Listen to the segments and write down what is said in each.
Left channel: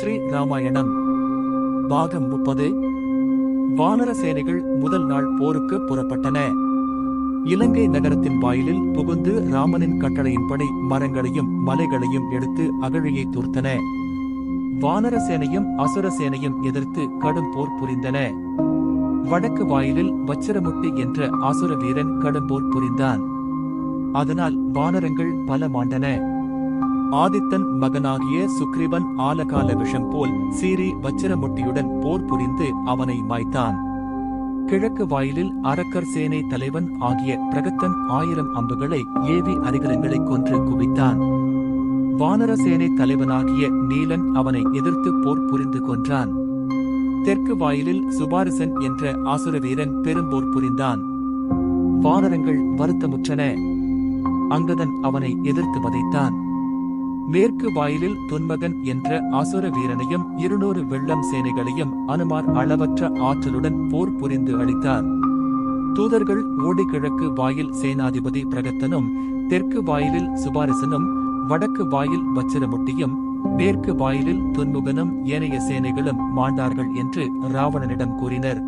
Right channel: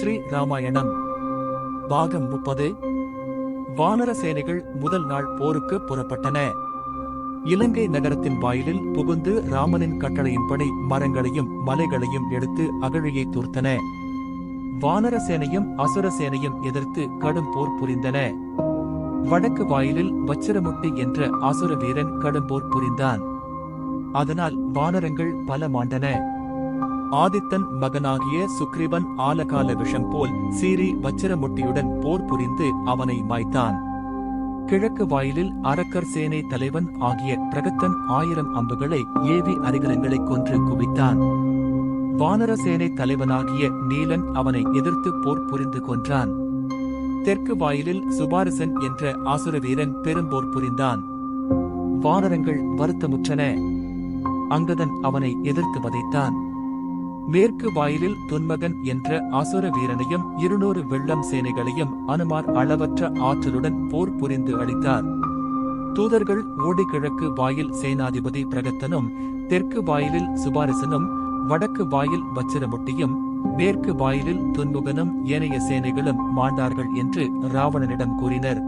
ஸ்ரீ ராமாயணம் பாகம் 30. வானர சேனைகள் முதல் நாள் போருக்கு புறப்பட்டன. இலங்கை நகரத்தின் வாயிலில் புகுந்து ராமனின் கட்டளையின்படி மரங்களையும் மலைகளையும் எடுத்து அகழியை தூர்த்தன. வானர சேனையும் அசுர சேனையும் எதிர்த்து கடும் போர் புரிந்தன. வடக்கு வாயிலில் வச்சிரமுட்டி என்ற அசுர வீரன் கடும் போர் புரிந்தான். அதனால் வானரங்கள் பல மாண்டன. ஆதித்தன் மகனாகிய சுக்ரீவன் ஆலகால விஷம் போல் சீறி வச்சிரமுட்டியுடன் போர் புரிந்து அவனை மாய்த்தான். கிழக்கு வாயிலில் அரக்கர் சேனை தலைவன் ஆகிய பிரகத்தன் 1000 அம்புகளை ஏவி அரிகரங்களை கொன்று குவித்தான். வானர சேனை தலைவனாகிய நீலன் அவனை எதிர்த்து போர் புரிந்து கொன்றான். தெற்கு வாயிலில் சுபாரிசன் என்ற ஆசுர வீரன் பெரும்போர் புரிந்தான். வானரங்கள் வருத்தமுற்றன. அங்கதன் அவனை எதிர்த்து வதைத்தான். மேற்கு வாயிலில் துன்மகன் என்ற அசுர வீரனையும் 200 வெள்ளம் சேனைகளையும் அனுமார் அளவற்ற ஆற்றலுடன் போர் புரிந்து அளித்தார். தூதர்கள் ஓடி கிழக்கு வாயில் சேனாதிபதி பிரகத்தனும், தெற்கு வாயிலில் சுபாரிசனும், வடக்கு வாயில் வச்சிரமுட்டியும், மேற்கு வாயிலில் துன்முகனும் ஏனைய சேனைகளும் மாண்டார்கள் என்று ராவணனிடம் கூறினர்.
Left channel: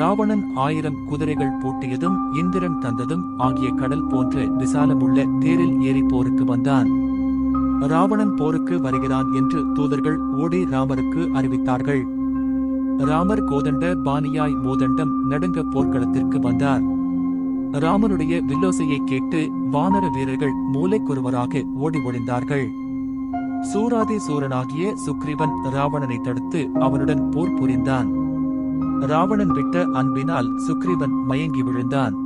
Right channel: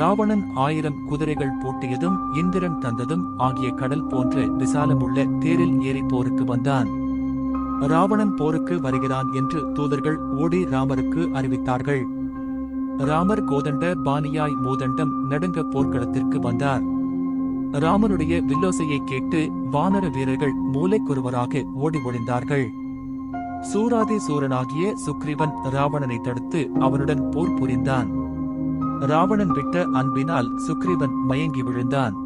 ராவணன் 1000 குதிரைகள் பூட்டியதும் இந்திரன் தந்ததும் ஆகிய கடல் போன்ற விசாலமுள்ள தேரில் ஏறி போருக்கு வந்தான். ராவணன் போருக்கு வருகிறான் என்று தூதர்கள் ஓடி ராமருக்கு அறிவித்தார்கள். ராமர் கோதண்ட பாணியாய் மூதண்டம் நடுங்க போர்க்களத்திற்கு வந்தார். ராமனுடைய வில்லோசையை கேட்டு வானர வீரர்கள் மூலைக்கொருவராக ஓடி ஒளிந்தார்கள். சூராதி சூரனாகிய சுக்ரீவன் ராவணனை தடுத்து அவனுடன் போர் புரிந்தான். ராவணன் விட்ட அன்பினால் சுக்ரீவன் மயங்கி விழுந்தான்.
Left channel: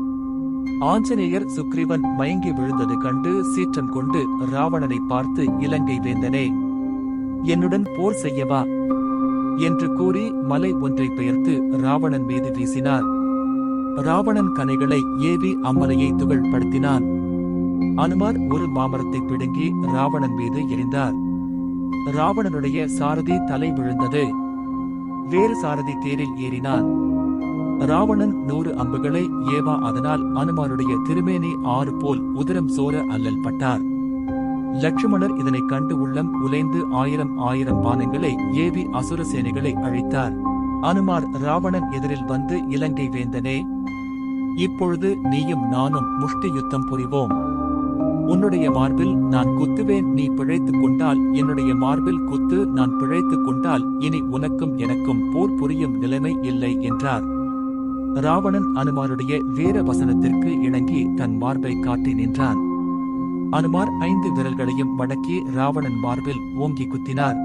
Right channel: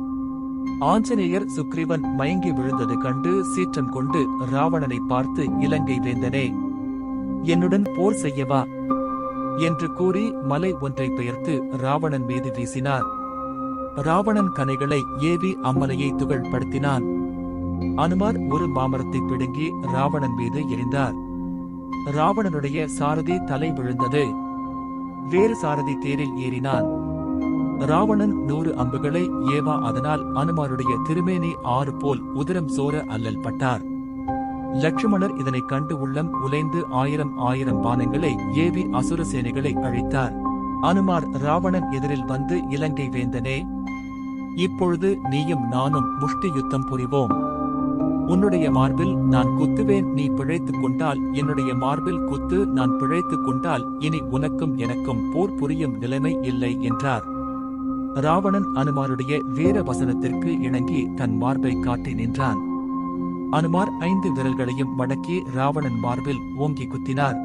ஆஞ்சநேயர் சுக்ரீவன் மயங்கி விழுந்தது கண்டு சீற்றம் கொண்டு ராவணனை பார்த்து, இலங்கை வேந்தனே, என்னுடன் போர் செய்யவா என்று கூறி மலை ஒன்றை பெயர்த்து ராவணன் மீது வீசினார். ராவணன் கனைகளை ஏவி அம்மலையை துகள்படுத்தினான். அனுமார் ஒரு மாமரத்தை பிடுங்கி ராவணன் மீது எறிந்தார். ராவணனுடைய சாரதி தலை விழுந்தது. வேறு சாரதி தேரில் ஏறினான். ராவணன் 100 அம்புகளை ஏவா, அதனால் அனுமாருடைய திருமேனி 6 போல் உதிரம் சோர அல்லல் பட்டார். லட்சுமணர் இதனைக் கண்டு உள்ளம் உலைந்து 1000 பானங்களை ஏவி அசுர சேனைகளை அழித்தார். அனுமார் ராவணன் எதிரில் வந்து, இலங்கை வேந்தனே, இப்பொழுது நீயும் நானும் முஷ்டி யுத்தம் புரிவோம். உன்னுடைய மார்பில் நான் குத்துவேன், நீ பிழைத்துக் கொண்டால் என்னுடைய மார்பில் குத்து, நான் பிழைத்துக் கொண்டால் இனி உனக்கும் எனக்கும் போர் புரியும் நிலைமை இல்லை என்றார். ராவணன் அனுமாருடைய வீர வசனத்திற்கு இணங்கி தன் மார்பை காட்டி நின்றான். அனுமார் 5 விரல்களையும் மடக்கி ராவணன் மார்பில் ஓங்கி குத்தினார்.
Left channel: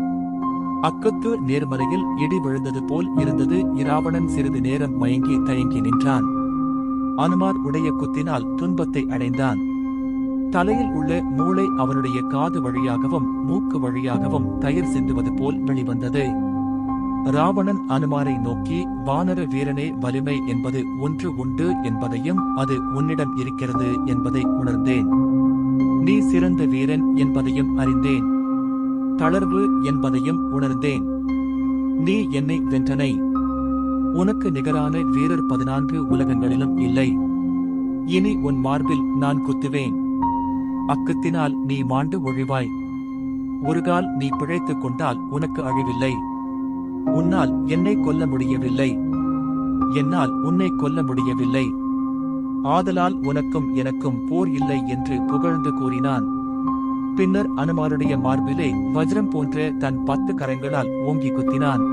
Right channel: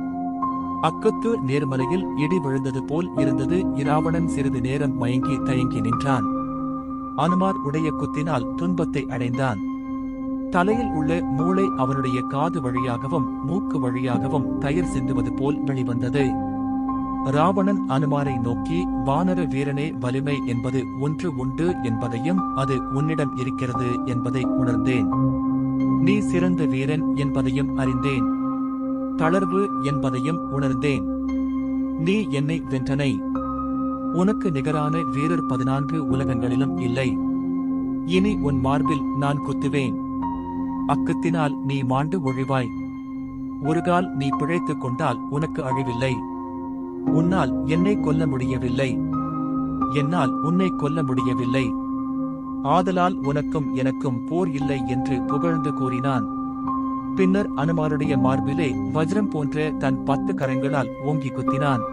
அக்குத்து நேர்மலையில் இடி விழுந்தது போல் இருந்தது. இராவணன் சிறிது நேரம் மயங்கி தயங்கி நின்றான். அனுமார் உடைய குத்தினால் துன்பத்தை அடைந்தான். தலையில் உள்ள மூளை அவனுடைய காது வழியாகவும் மூக்கு வழியாகவும் தயிர் சிந்துவது போல் வெளிவந்தது. ராவணன் அனுமாரை நோக்கி, வானர வீரனே, வலிமை என்பது ஒன்று உண்டு என்பதையும் அது உன்னிடம் இருக்கிறது என்பதை உணர்ந்தேன். நீ சிறந்த வீரன் என்பதையும் அறிந்தேன். தளர்வு என்பதையும் உணர்ந்தேன். நீ என்னை வென்றனை. உனக்கு நிகரான வீரர் 14 உலகங்களிலும் இல்லை. இனி உன் மார்பில் நான் குத்துவேன். அக்குத்தினால் நீ மாண்டு ஒழிவாய். ஒருகால் நீ பிழைத்துக் கொண்டால் உனக்கு அழிவில்லை. உன்னால் என்னை கொல்ல முடியவில்லை, என்னால் உன்னை கொல்ல முடியவில்லை. ஆதலால் உனக்கும் எனக்கும் போர் இல்லை என்று புகழ்ந்து கூறினான். பின்னர் அனுமாருடைய மார்பிலே வஜ்ரம் போன்ற தன் 10 கரங்களால் ஓங்கி குத்தினான்.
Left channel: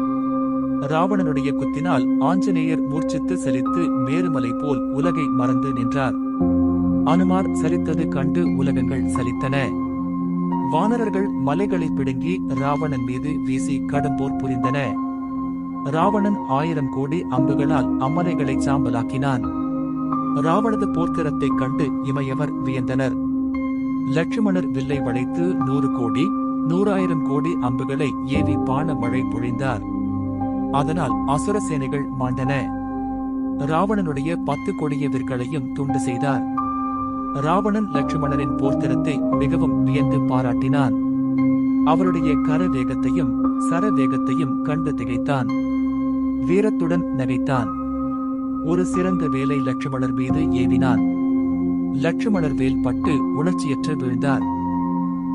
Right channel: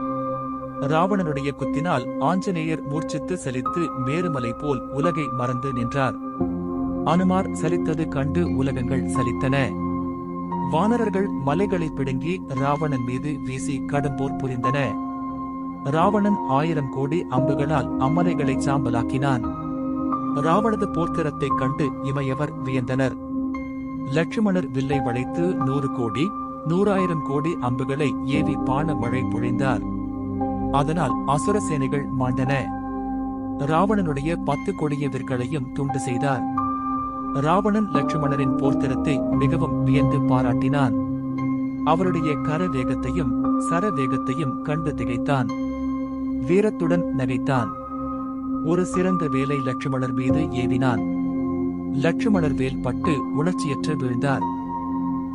ராவணனுடைய குத்தினால் ஆஞ்சநேயர் மூர்ச்சித்து சலித்து மேருமலை போல் உலகை மறந்து நின்றார். அனுமார் சலித்தது கண்டு உலகங்கள் சலித்தன. வானரர்கள் மலைகளை பிடுங்கி ராவணன் மீது வீசி கடும்போர் புரிந்தன. ராவணன் 1000 கோடி அம்புகளால் அம்மலைகளை சாம்பலாக்கினான். ராவணது போர்த்திறத்தைக் கண்டு இமையவர் வியந்தனர். லட்சுமணர் வில்லை வளைத்து 100 கோடி 100,000 கோடி அம்புகளை ஏவி பான மழை பொழிந்தார். அதனால் அசுர சேனைகள் மாண்டன. ராவணனுடைய 10 கொடிய விற்களையும் துண்டு செய்தார். ராவணன் லட்சுமணரின் போர்த்திறத்தை மிகவும் வியந்து பாராட்டினான். அவருடைய கர வேகத்தையும் சர வேகத்தையும் கண்டு திகைத்தான். வீரத்துடன் நகைத்தான். ஒரு சிறந்த வேலை லட்சுமணர் மீது ஏவினான். லட்சுமணர் வேல் பட்டு உணர்ச்சியற்று வீழ்ந்தார்.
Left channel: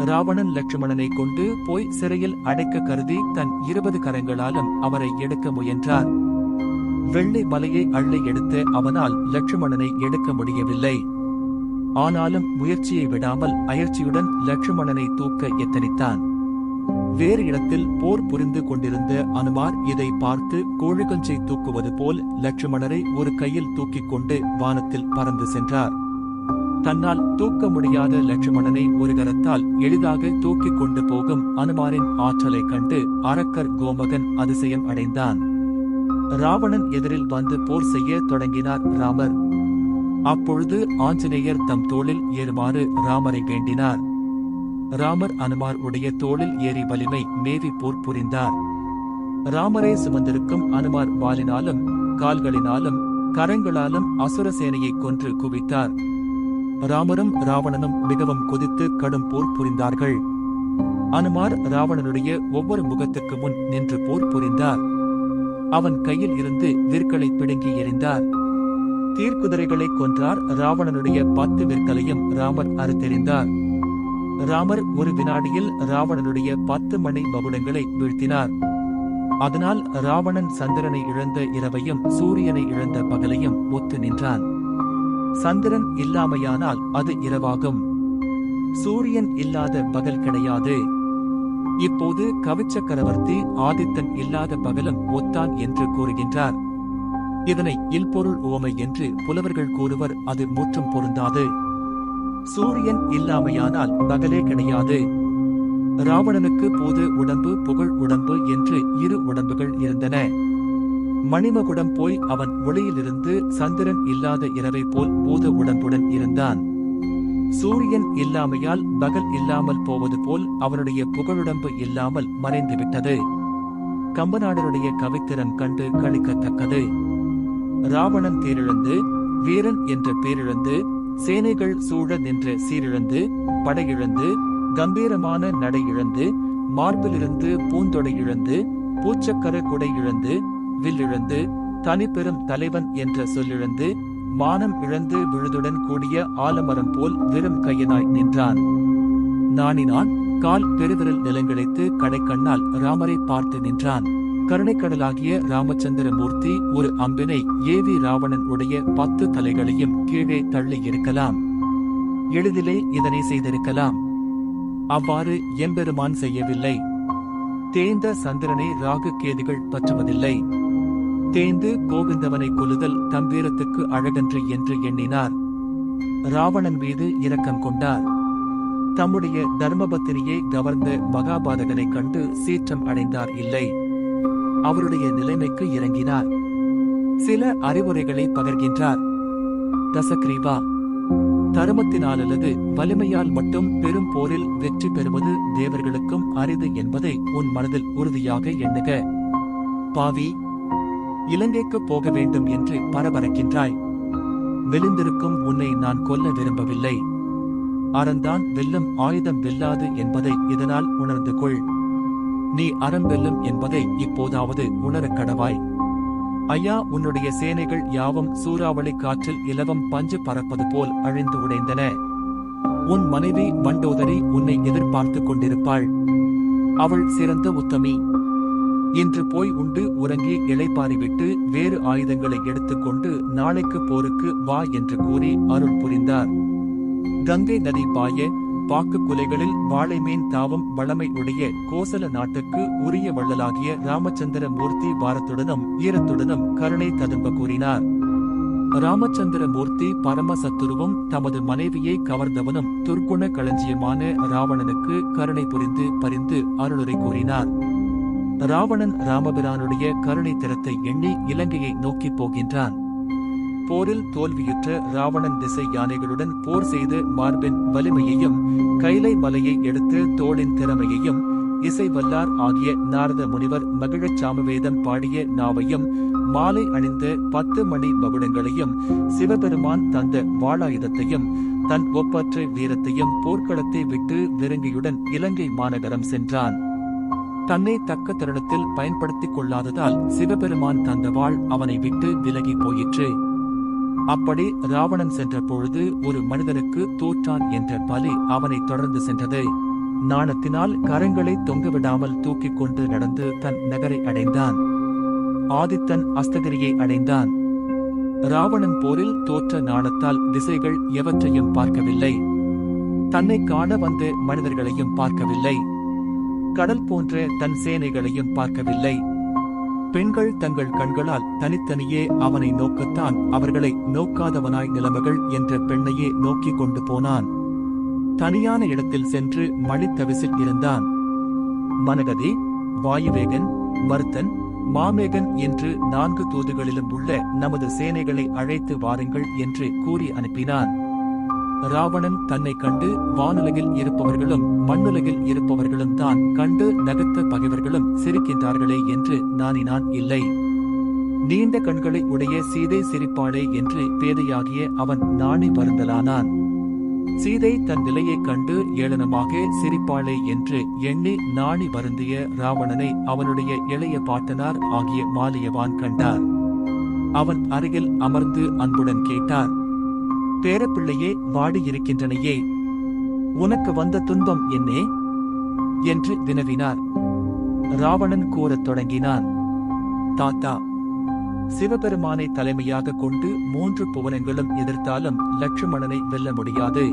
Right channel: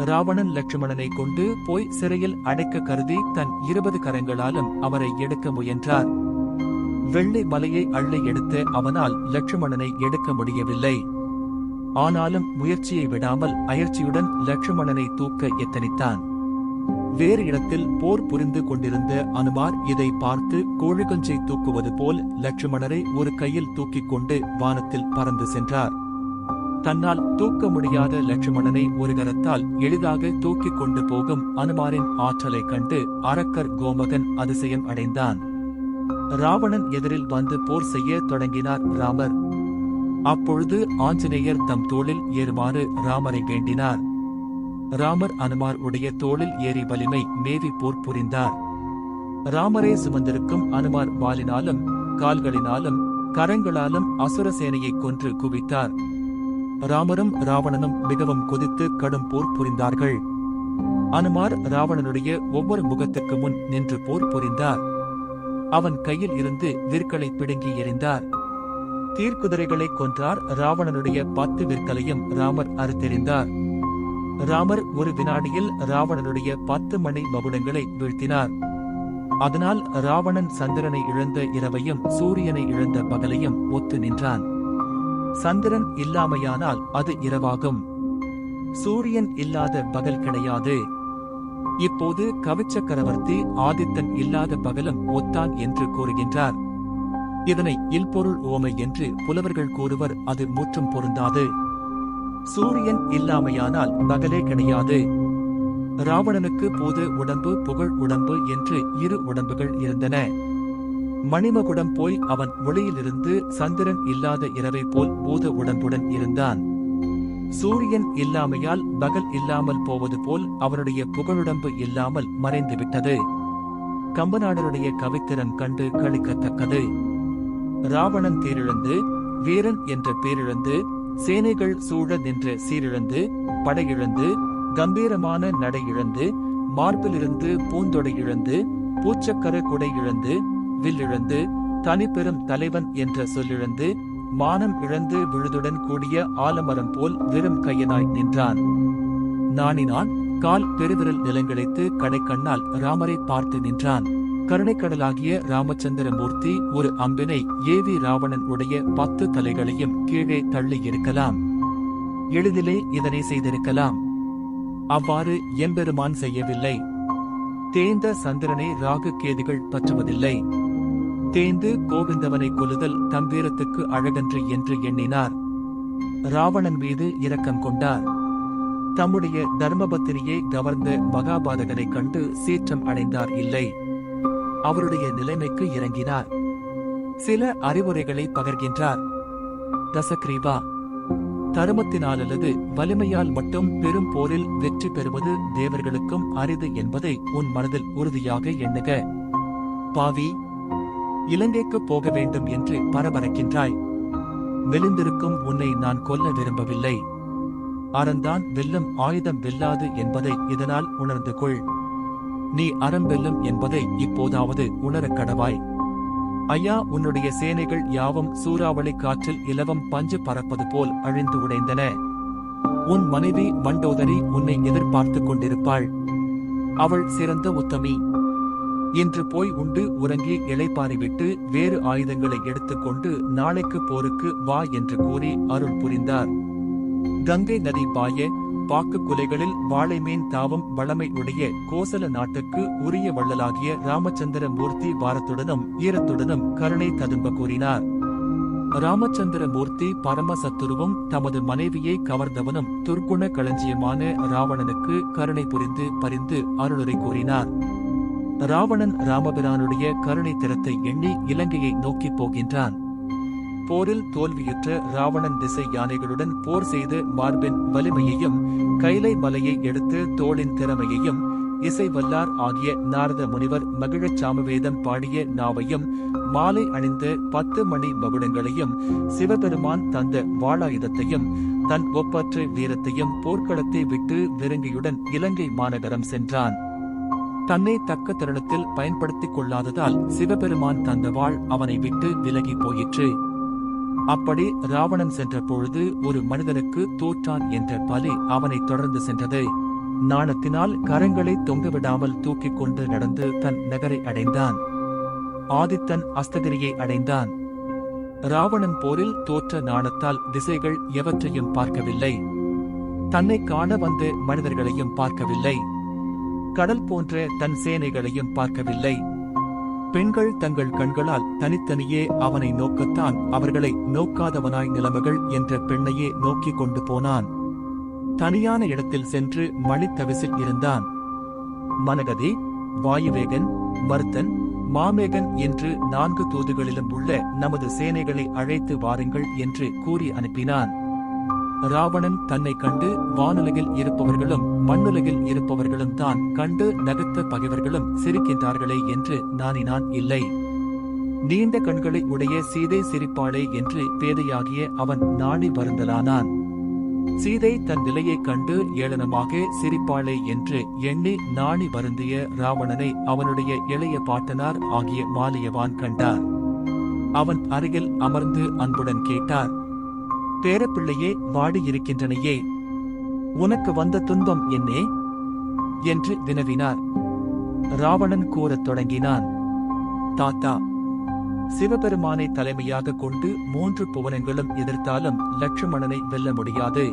ராவணன் லட்சுமணனை கொண்டு போய் சிறையில் அடைக்க கருதி தன் 20 கரங்களாலும் அவரை எடுக்க முயன்றார். வெள்ளி மலையை அள்ளி எடுத்த அவனால் லட்சுமணனை எடுக்க முடியவில்லை. ஆனாலும் முயற்சியை விடாமல் அயற்சியுடன் லட்சுமணனை தூக்க எத்தனித்தான். வேறு இடத்தில் போர் புரிந்து கொண்டிருந்த அனுமார் இதை பார்த்து கோழிகுஞ்சை தூக்குவது போல் லட்சுமணரை ஒரு கையில் தூக்கிக் கொண்டு வானத்தில் பறந்து சென்றார். தன்னால் தூக்க முடியாத லட்சுமணனை ஒரு கரத்தால் எளிதாக தூக்கிக் கொண்டு போகும் அனுமாரின் ஆற்றலைக் கண்டு அரக்கர் கோமகன் அதிசயம் அடைந்தான். ராவணன் எதிரில் வந்து போர் செய்ய தொடங்கினார் ராமர். அப்பொழுது ஆஞ்சநேயர் தம் தோளில் ஏறுமாறு ராமரை வேண்டினார். ராமர் அனுமார் உடைய தோளில் ஏறி வலிமை மேவி போர் புரிந்தார். ராமரை சுமந்திருக்கும் அனுமார் வாளினாலும் கால்களினாலும் கரங்களாலும் அசுர சேனையை கொன்று குவித்தார். ராமரும் ராவணனும் மிகவும் கொதித்து கடும் போர் புரிந்தார்கள். அனுமார் ராவணனுடைய ஒவ்வொரு முகத்துக்கு முன் நின்று போர் புரிந்தார். அவன் கையில் இருந்து விற்களை பிடுங்கி எறிந்தார். தீர்க்குதிரைகளை கொன்றார். ராவணனுடைய 10 விற்களையும் ராமர் அறுத்தெறிந்தார். ராமர் ஒரு வினாடியில் ராவணனுடைய 10 மணி மகுடங்களை வீழ்த்தினார். அதனால் ராவணன் சந்திரனை இழந்த இரவையும் சூரியனை இழந்த பகலையும் ஒத்து நின்றான். சந்திரன் இல்லாமையானால் அது இரவாகும். சூரியன் இல்லாத பகல் கிடையாது. இப்போது கவிச்சக்கரவர்த்தி ஆதித்தன் இல்லாத பகலும் ஒத்தான் என்று கூறுகின்றார். இதனை இல்பொருள் உவமை என்று புலவர்கள் கூறுவர். அது முற்றும் பொருந்தாது. சூரியன் இல்லாமையானால் பகலே கிடையாது. ராவணனுக்கு பூத உடம்பு புகழ் உடம்பு என்று 2 உடம்புகள் இருந்தன. மணிமகுடம் போய் அவன் ஒளியிலிருந்து சந்திரன் இல்லாத இரவை போல் பூத உடம்புடன் இருந்தான். சூரியன் இல்லாமையால் பகல் இல்லாமல் போவது போல் அவனுடைய புகழுடம்பு இல்லாமல் மறைந்துவிட்டது. கம்பநாடருடைய கவித்திறன் கண்டு களிக்கத்தக்கது. ராவணன் தேரிழந்து, வீரன் என்ற பேரிழந்து, சேனைகள் சூழ நின்ற சீரிழந்து, படையிழந்து, கம்பீரமான நடை இழந்து, மார்பிலிருந்து பூந்தொடை இழந்து, பூச்சக்கர குடை இழந்து, வில்லிழந்து, தனிப்பெரும் தலைவன் என்ற சொல்லிழந்து, மானம் இழந்து விழுதுடன் கூடிய ஆலமரம் போல் வெறும் கையனாய் நின்றான். நாணினான். கால் பெருவிரல் நிலங்களித்து கடைக்கண்ணால் ராமரை பார்த்து நின்றான். கருணைக்கடலாகிய ராமச்சந்திரமூர்த்தி ஒரு அம்பினை ஏவி ராவணன் உடைய 10 தலைகளையும் கீழே தள்ளி இருக்கலாம். எளிதிலே இதனை செய்திருக்கலாம். அவ்வாறு எம்பெருமான் செய்யவில்லை. தேய்ந்த சந்திரனை ராகு கேதுகள் பற்றுவதில்லை. தேய்ந்து கோவிந்தவனை கொல்லுதல் தம்பீரத்துக்கு அழகன்று என்று எண்ணினார். ராவணன் மீது இரக்கம் கொண்டார். தம்முடைய தர்மபத்தினியை கவர்ந்த மகாபாதகனை கண்டு சீற்றம் அடைந்தார் இல்லை. அவருடைய நிலைமைக்கு இறங்கினார். சில அறிவுரைகளை பகர்கின்றார். தசக்ரீவா, தருமத்தினாலல்லது வலிமையால் மட்டும் பெரும் போரில் வெற்றி பெறுவது தேவர்களுக்கும் அரிது என்பதை உன் மனதில் உறுதியாக எண்ணுக. பாவி, இலங்கைக்கு போக வேண்டும் என்று பரபரக்கின்றாய். மெலிந்திருக்கும் உன்னை நான் கொல்ல விரும்பவில்லை. அறந்தான் வெல்லும், ஆயுதம் வெல்லாது என்பதை இதனால் உணர்ந்து கொள். நீ அறம் வெல்லும் என்பதை இப்போதாவது உணரக் கடவாய். ஐயா, உன்னுடைய சேனைகள் யாவும் சூறாவளி காற்றில் இலவம் பஞ்சு பறப்பது போல் அழிந்து உடைந்தன. உன் மனைவி மண்டோதரி உன்னை எதிர்பார்த்துக் கொண்டிருப்பாள். அவள் சிறந்த உத்தமி. இன்று போய் உண்டு உறங்கி இளைப்பாறிவிட்டு வேறு ஆயுதங்களை எடுத்துக்கொண்டு நாளைக்கு போருக்கு வா என்று கூறி அருள் புரிந்தார். கங்கை நதி பாய பாக்கு குலைகளில் வாழைமேன் தாவும் வளமை உடைய கோசல நாட்டுக்கு உரிய வள்ளலாகிய ராமச்சந்திர மூர்த்தி வாரத்துடனும் ஈரத்துடனும் கருணை ததும்ப கூறினார். ராமச்சந்திர மூர்த்தி பரமசத்துருவும் தமது மனைவியை கவர்ந்தவனும் துர்க்குண களஞ்சியமான ராவணனுக்கு கருணை புரிந்து பரிந்து அருளுரை கூறினார். ராவணன் ராமபிரானுடைய கருணை திறத்தை எண்ணி இலங்கையை நோக்கிப் போகின்றான். போரில் தோல்வியுற்ற ராவணன் திசை யானைகளுடன் போர் செய்து மார்பின் வலிமையையும் கைலை மலையை எடுத்து தோளின் திறமையையும் இசை வல்லார் ஆகிய நாரத முனிவர் மகிழச் சாமவேதம் பாடிய நாவையும் மாலை அணிந்த 10 மணி மகுடங்களையும் சிவபெருமான் தந்த வாளாயுதத்தையும் தன் ஒப்பற்ற வீரத்தையும் போர்க்களத்தை விட்டு விருங்கியுடன் இலங்கை மாநகரம் சென்றான். தன்னை தக்க தருணத்தில் பயன்படுத்திக் கொள்ளாததால் சிவபெருமான் தந்த வாள் அவனை விட்டு விலகி போயிற்று. அப்படி ராவணன் சென்ற பொழுது ஒரு மனிதனுக்கு தோற்றான் என்ற பலி அவனை தொடர்ந்து சென்றது. நாணத்தினால் கரங்களை தொங்கவிடாமல் தூக்கிக் கொண்டு நடந்து தன் நகரை அடைந்தான். ஆதித்தன் அஸ்தகிரியை அடைந்தான். ராவணன் போரில் தோற்ற நாணத்தால் திசைகள் எவற்றையும் பார்க்கவில்லை. தன்னை காண வந்த மனிதர்களையும் பார்க்கவில்லை. கடல் போன்ற தன் சேனைகளையும் பார்க்கவில்லை. பெண்கள் தங்கள் கண்களால் தனித்தனியே அவனை நோக்கத்தான் அவர்களை நோக்காதவனாய் நிலைமைகள் என்ற பெண்ணையே நோக்கிக் கொண்டு போனான். தனியான இடத்தில் சென்று மணித்தவிசில் இருந்தான். மனகதி, வாயுவேகன், மருத்தன், மாமேகன் என்று 4 தூதுகளிலும் உள்ள நமது சேனைகளை அழைத்து வாருங்கள் என்று கூறி அனுப்பினான். ராவணன் தன்னை கண்டு வானுலகில் இருப்பவர்களும் மண்ணுலகில் இருப்பவர்களும் தான் கண்டு நகத்த பகைவர்களும் சிரிக்கின்றார்களே என்று நாணினான். இல்லை, நீண்ட கண்களை உடைய சீதை சிரிப்பாளே என்று பேதையாகிய அவன் நாணி வருந்தலானான். சீதை தன் நிலையைக் கண்டு ஏளனமாக சிரிப்பாளே என்று எண்ணி நாணி வருந்திய ராவணனை அவனுடைய இளைய பாட்டனார் ஆகிய மாலியவான் கண்டார். அவன் அருகில் அமர்ந்து அன்புடன் கேட்டார். பேரப்பிள்ளையே, வாடியிருக்கின்றனையே, உனக்கு வந்த துன்பம் என்னே என்று வினவினார். ராவணன் கூறத் தொடங்கினான். தாத்தா, சிவபெருமானை தலைமையாக கொண்டு 3 புவனங்களும் எதிர்த்தாலும் லட்சுமணனை வெல்ல முடியாது.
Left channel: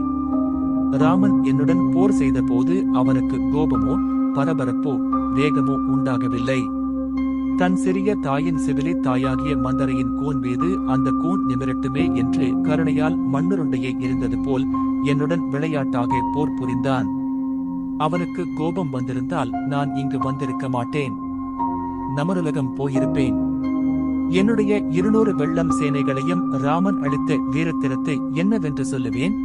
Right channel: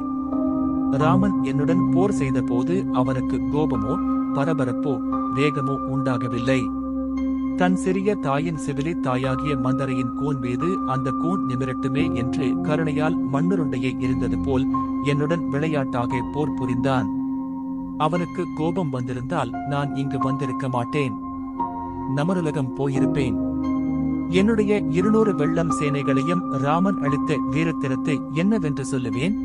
ராமன் என்னுடன் போர் செய்த போது அவனுக்கு கோபமோ பரபரப்போ வேகமோ உண்டாகவில்லை. தன் சிறிய தாயின் செவிலி தாயாகிய மந்தரையின் கூன் மீது அந்த கூன் நிமிரட்டுமே என்று கருணையால் மண்ணுருண்டையை எரிந்தது போல் என்னுடன் விளையாட்டாக போர் புரிந்தான். அவனுக்கு கோபம் வந்திருந்தால் நான் இங்கு வந்திருக்க மாட்டேன். நமருலகம் போயிருப்பேன். என்னுடைய 200 வெள்ளம் சேனைகளையும் ராமன் அளித்த வீரத்திரத்தை என்னவென்று சொல்லுவேன்?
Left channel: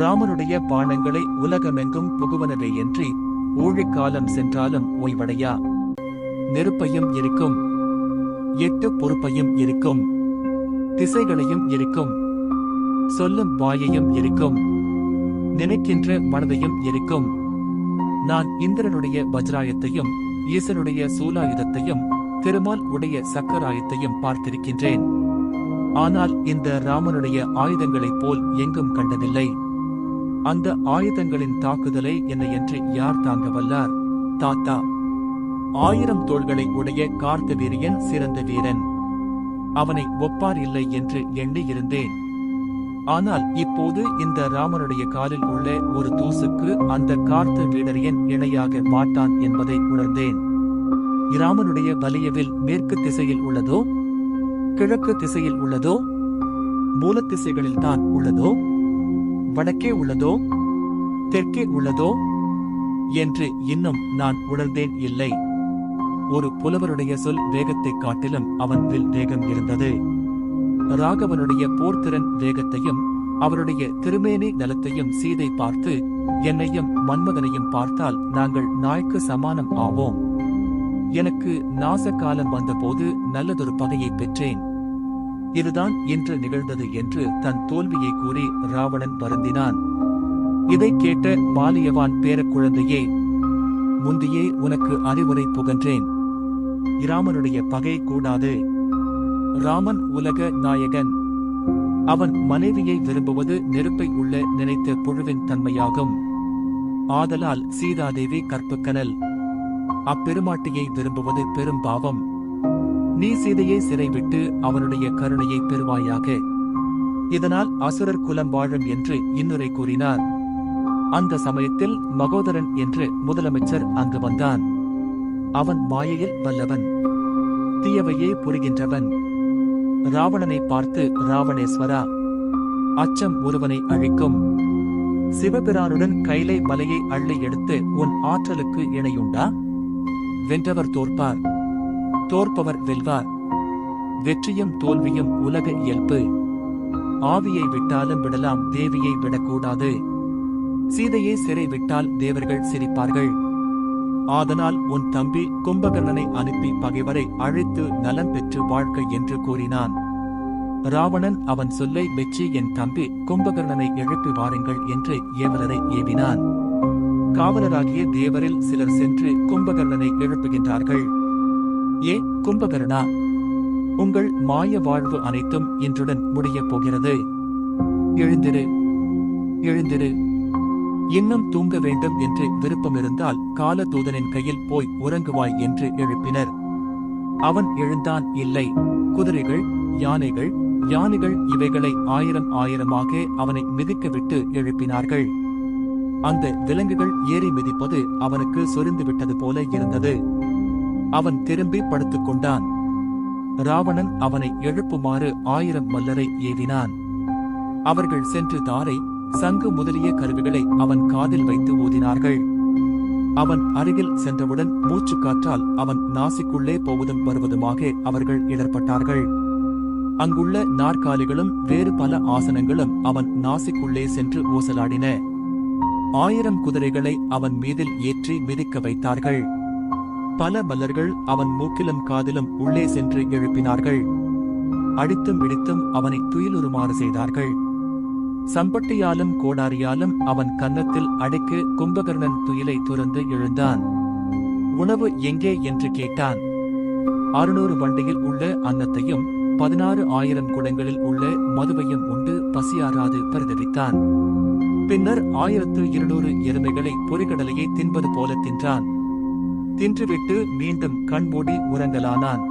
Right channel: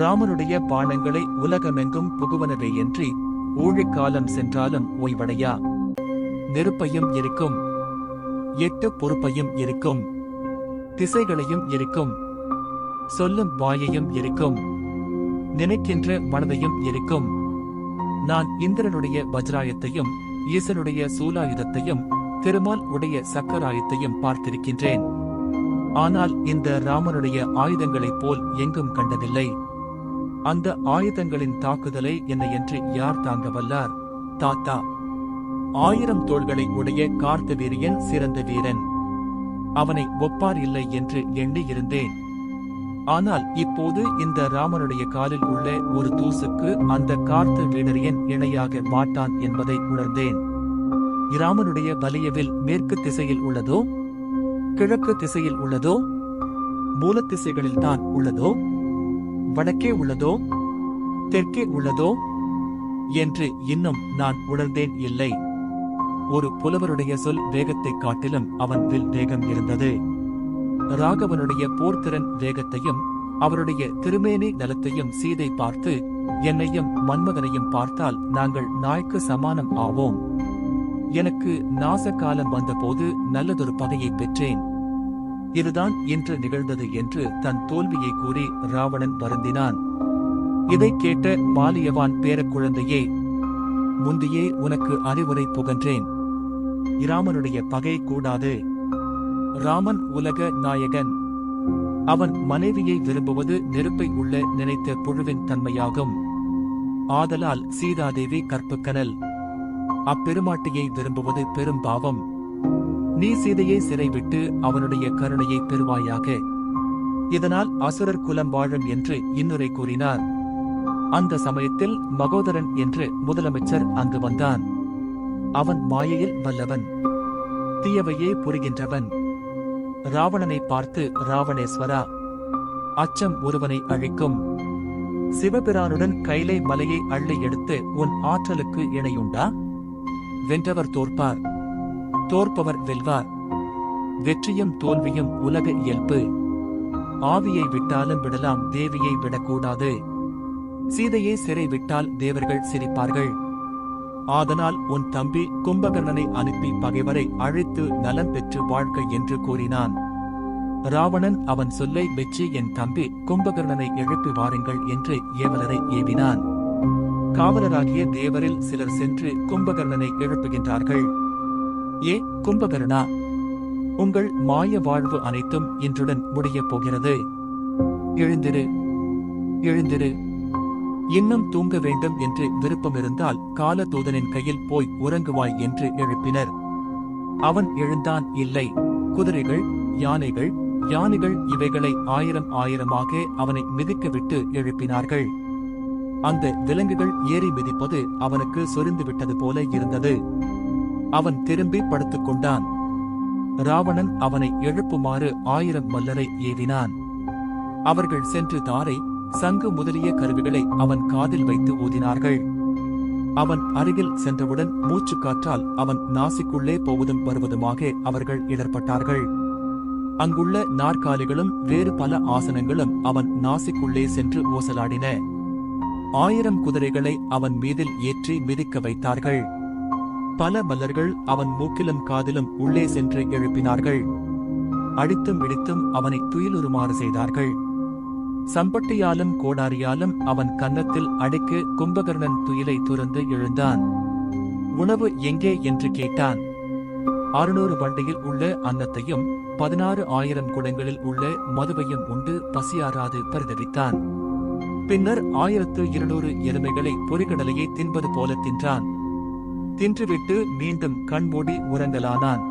ராமனுடைய பானங்களை உலகமெங்கும் புகுவனவேயன்றி ஊழிக்காலம் சென்றாலும் ஓய்வடையா. நெருப்பையும் இருக்கும், 8 பொறுப்பையும் இருக்கும், திசைகளையும் இருக்கும், சொல்லும் வாயையும் இருக்கும், நினைக்கின்ற மனதையும் இருக்கும். நான் இந்திரனுடைய வஜ்ராயத்தையும் ஈசனுடைய சூலாயுதத்தையும் திருமால் உடைய சக்கராயத்தையும் பார்த்திருக்கின்றேன். ஆனால் இந்த ராமனுடைய ஆயுதங்களைப் போல் எங்கும் கண்டதில்லை. அந்த ஆயுதங்களின் தாக்குதலை என்னையன்று யார் தாங்க வல்லார்? தாத்தா, 1000 தோள்களை உடைய கார்த்தவீரியன் சிறந்த வீரன். அவனை ஒப்பார் இல்லை என்று எண்ணி இருந்தேன். ஆனால் இப்போது இந்த ராமனுடைய காலில் உள்ள ஒரு தூசுக்கு அந்த கார்த்த வீரரியன் இணையாக மாட்டான் என்பதை உணர்ந்தேன். இராமனுடைய வலியவில் மேற்கு திசையில் உள்ளதோ, கிழக்கு திசையில் உள்ளதோ, மூலத்திசைகளில் தான் உள்ளதோ, வடக்கே உள்ளதோ, தெற்கே உள்ளதோ என்று இன்னும் நான் உணர்ந்தேன் இல்லை. ஒரு புலவருடைய சொல் வேகத்தைக் காட்டிலும் அவன் வில் வேகம் இருந்தது. ராகவனுடைய போர்த்திறன் வேகத்தையும் அவருடைய திருமேனி நலத்தையும் சீதை பார்த்து, என்னையும் மன்மதனையும் பார்த்தால் நாங்கள் நாய்க்கு சமானம் ஆவோம். எனக்கு நாசகாலம் வந்தபோது நல்லதொரு பகையை பெற்றேன். இதுதான் இன்று நிகழ்ந்தது என்று தன் தோல்வியை கூறி ராவணன் வருந்தினான். இதைக் கேட்ட மாலியவான் பேரக்குழந்தையே, முந்தியே உனக்கு அறிவுரை புகன்றேன். இராமனுடைய பகை கூடாது. ராமன் உலக நாயகன். அவன் மனைவியை விரும்புவது நெருப்பை உள்ள நினைத்த புழுவின் தன்மையாகும். ஆதலால் சீதாதேவி கற்புக்கனல். அப்பெருமாட்டியை விரும்புவது பெரும் பாவம். நீ சீதையை சிறைவிட்டு அவனுடைய கருணையை பெறுவாயாக. இதனால் அசுரர் குலம் வாழும் என்று இன்னுரை கூறினார். அந்த சமயத்தில் மகோதரன் என்று முதலமைச்சர் அங்கு வந்தான். அவன் மாயையில் வல்லவன், தீயவையே புரிகின்றவன். ராவணனை பார்த்து, ராவணேஸ்வரா, அச்சம் ஒருவனை அழிக்கும். சிவபிரானுடன் கைலை மலையை அள்ளி எடுத்து உன் ஆற்றலுக்கு இணையுண்டா? வென்றவர் தோற்பார், தோற்பவர் வெல்வார். வெற்றியும் தோல்வியும் உலக இயல்பு. ஆவியை விட்டாலும் விடலாம், தேவியை விடக்கூடாது. சீதையை சிறை விட்டால் தேவர்கள் சிரிப்பார்கள். ஆதனால் உன் தம்பி கும்பகர்ணனை அனுப்பி பகைவரை அழைத்து நலம் பெற்று வாழ்க என்று கூறினான். ராவணன் அவன் சொல்லை மெச்சி, என் தம்பி கும்பகர்ணனை எழுப்பி வாருங்கள் என்று ஏவலரை ஏவினான். காவலராகிய தேவரில் சிலர் சென்று கும்பகர்ணனை எழுப்புகின்றார்கள். ஏ கும்பகர்ணா, உங்கள் மாய வாழ்வு அனைத்தும் இன்றுடன் முடியப் போகிறது. எழுந்திரு, எழுந்திரு. இன்னும் தூங்க வேண்டும் என்று விருப்பமிருந்தால் கால தூதனின் கையில் போய் உறங்குவாய் என்று எழுப்பினர். அவன் எழுந்தான். இல்லை, குதிரைகள், யானைகள் இவைகளை ஆயிரமாக அவனை மிதிக்கவிட்டு எழுப்பினார்கள். அந்த விலங்குகள் ஏறி மிதிப்பது அவனுக்கு சொரிந்துவிட்டது போல இருந்தது. அவன் திரும்பி படுத்துக் கொண்டான். ராவணன் அவனை எழுப்புமாறு 1000 மல்லரை ஏவினான். அவர்கள் சென்று தாரை, சங்கு முதலிய கருவிகளை அவன் காதில் வைத்து ஊதினார்கள். அவன் அருகில் சென்றவுடன் மூச்சுக்காற்றால் அவன் நாசிக்குள்ளே போவதும் வருவதுமாக அவர்கள் இடர்பட்டார்கள். அங்குள்ள நாற்காலிகளும் வேறு பல ஆசனங்களும் அவன் நாசிக்குள்ளே சென்று ஊசலாடின. 1000 குதிரைகளை அவன் மீதில் ஏற்றி மிதிக்க வைத்தார்கள். பல மல்லர்கள் அவன் மூக்கிலும் காதிலும் உள்ளே சென்று எழுப்பினார்கள். அடித்தும் இடித்தும் அவனை துயிலுறுமாறு செய்தார்கள். சம்பட்டியாலும் கோடாரியாலும் அவன் கன்னத்தில் அடைக்கு கும்பகர்ணன் துயிலை துறந்து எழுந்தான். உணவு எங்கே என்று கேட்டான். 600 வண்டியில் உள்ள அன்னத்தையும் 16,000 குடங்களில் உள்ள மதுவையும் உண்டு பசியாராது பரிதவித்தான். பின்னர் 1200 எருமைகளை பொறிகடலையை தின்பது போல தின்றான். தின்றுவிட்டு மீண்டும் கண்மூடி உறங்கலானான்.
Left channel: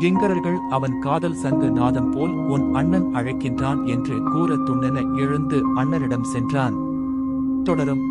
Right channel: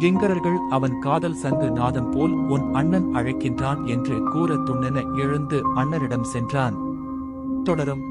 கிங்கரர்கள் அவன் காதல் சங்கு நாதம் போல் உன் அண்ணன் அழைக்கின்றான் என்று கூற துண்ணென எழுந்து அண்ணனிடம் சென்றான். தொடரும்.